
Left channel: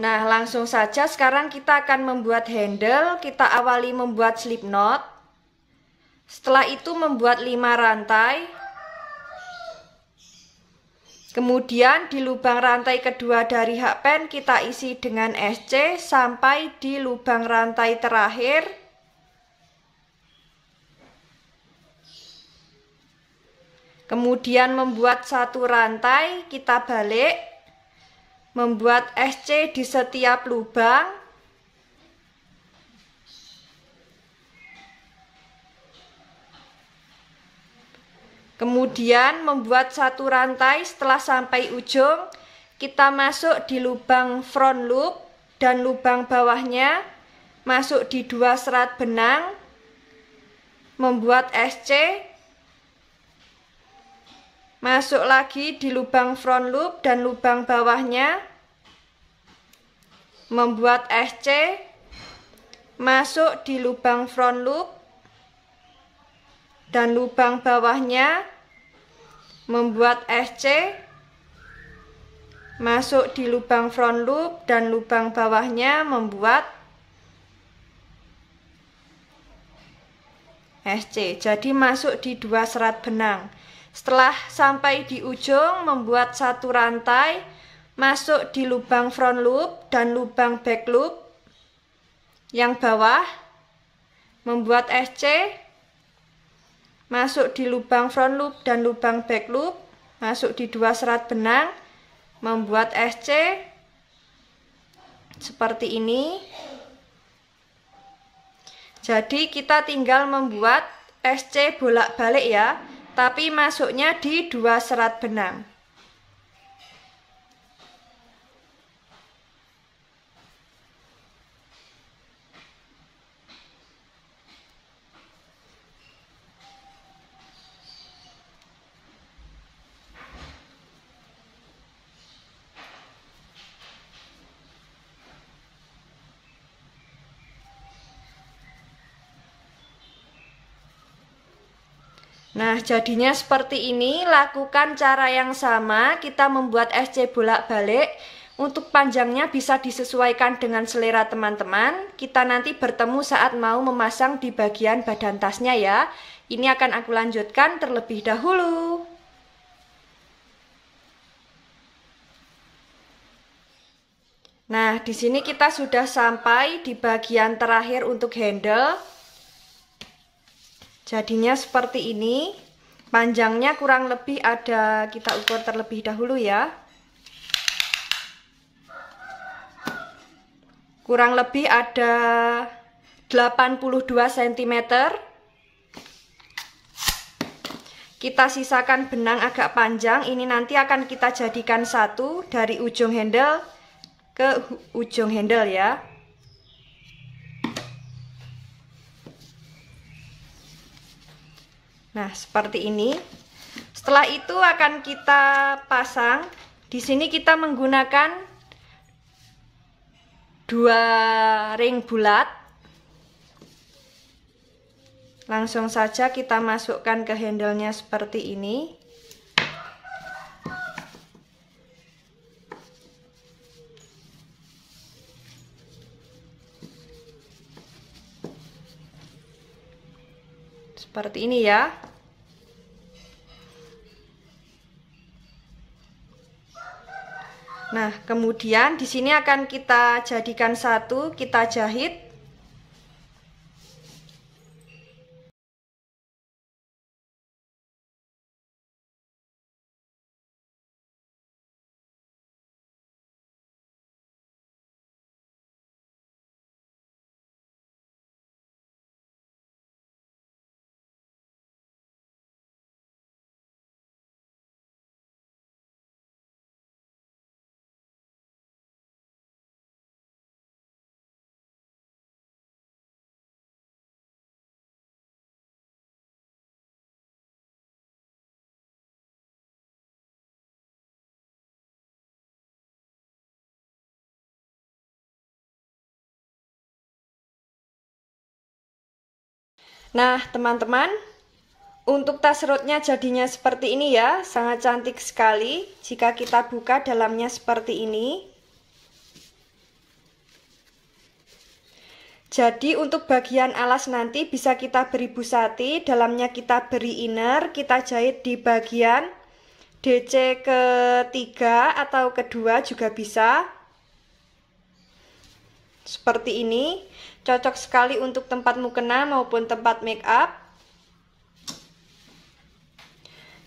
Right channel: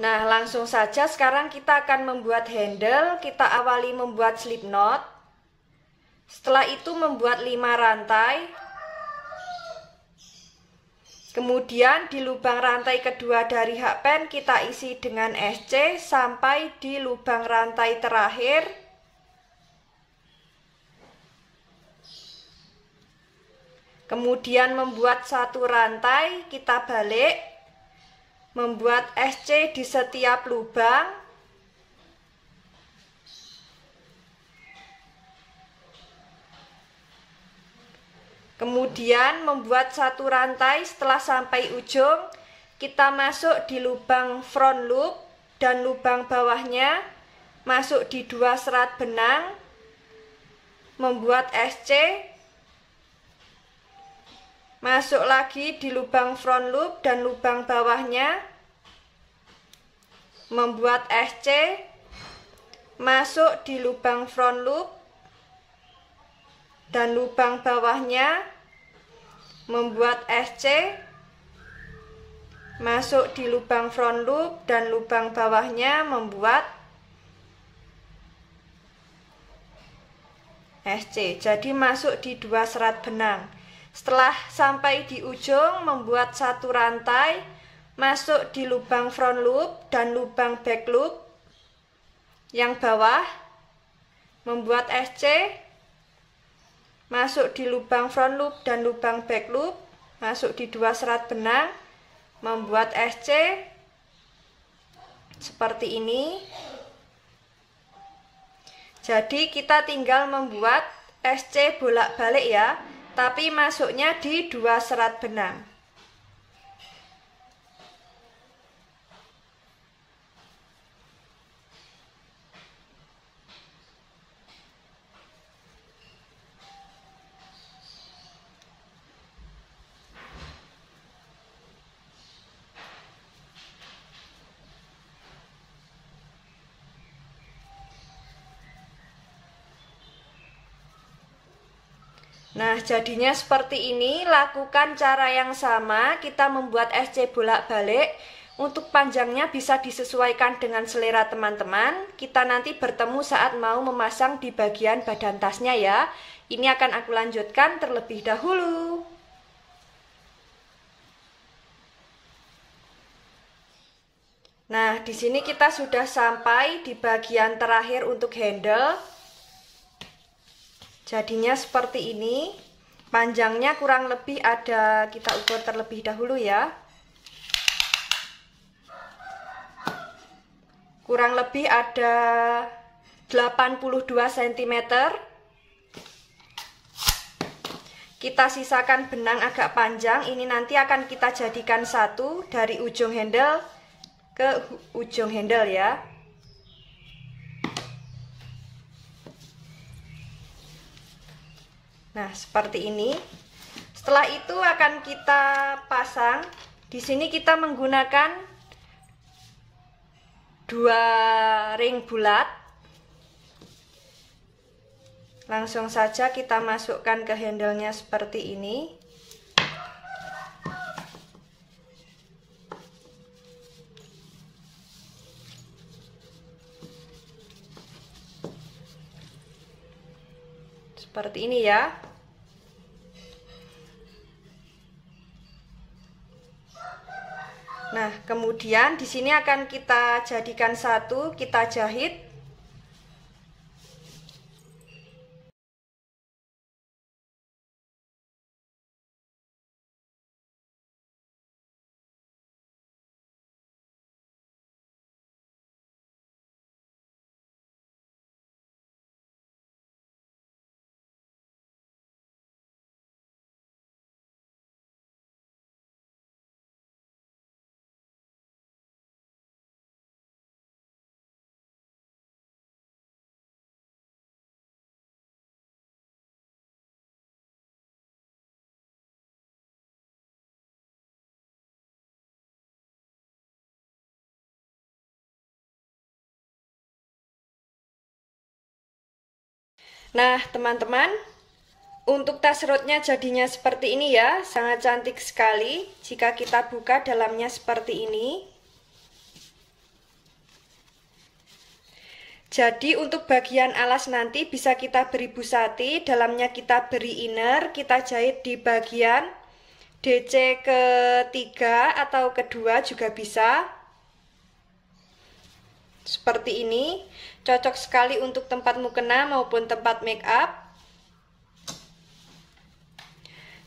Nah, langsung saja sekarang kita akan membuat handle. Kita awali membuat slip knot. Setelah itu membuat 5 rantai. Kemudian di lubang rantai kedua dari hakpen kita isi dengan SC sampai di lubang rantai terakhir. Kemudian membuat 1 rantai, kita balik. Membuat SC di setiap lubang. Kemudian membuat 1 rantai, setelah sampai ujung kita masuk di lubang front loop dan lubang bawahnya masuk di 2 serat benang. Membuat SC, masuk lagi di lubang front loop dan lubang bawahnya, membuat SC, masuk di lubang front loop dan lubang bawahnya, membuat SC, masuk di lubang front loop dan lubang bawahnya, membuat SC. Jadi masuk di 2 serat benang. Setelah sampai di ujung membuat 1 rantai, masuk di lubang front loop dan lubang back loop yang bawah, membuat SC, masuk di lubang front loop dan lubang back loop, masuk di 2 serat benang, membuat SC seperti ini. Jadi kita tinggal membuat SC bolak-balik ya, tapi masuknya di 2 serat benang. Nah, jadinya seperti ini. Lakukan cara yang sama, kita membuat SC bolak-balik. Untuk panjangnya bisa disesuaikan dengan selera teman-teman. Kita nanti bertemu saat mau memasang di bagian badan tasnya ya. Ini akan aku lanjutkan terlebih dahulu. Nah, di sini kita sudah sampai di bagian terakhir untuk handle. Jadinya seperti ini. Panjangnya kurang lebih ada, kita ukur terlebih dahulu ya. Kurang lebih ada 82 cm. Kita sisakan benang agak panjang. Ini nanti akan kita jadikan satu dari ujung handle ke ujung handle ya. Nah, seperti ini. Setelah itu akan kita pasang. Di sini kita menggunakan 2 ring bulat. Langsung saja kita masukkan ke handle-nya seperti ini. Seperti ini ya. Nah, kemudian di sini akan kita jadikan satu, kita jahit. Nah, teman-teman, untuk tas rotnya jadinya seperti ini ya, sangat cantik sekali jika kita buka dalamnya seperti ini. Jadi untuk bagian alas nanti bisa kita beri busati, dalamnya kita beri inner, kita jahit di bagian DC ketiga atau kedua juga bisa. Seperti ini, cocok sekali untuk tempat mukena maupun tempat make up.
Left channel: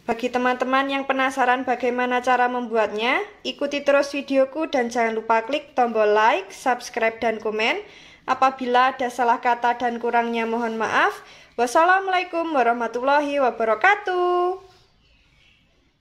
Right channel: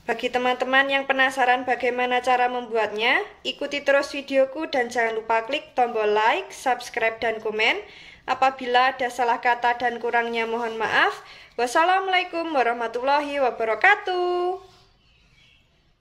Bagi teman-teman yang penasaran bagaimana cara membuatnya, ikuti terus videoku dan jangan lupa klik tombol like, subscribe, dan komen. Apabila ada salah kata dan kurangnya mohon maaf. Wassalamualaikum warahmatullahi wabarakatuh.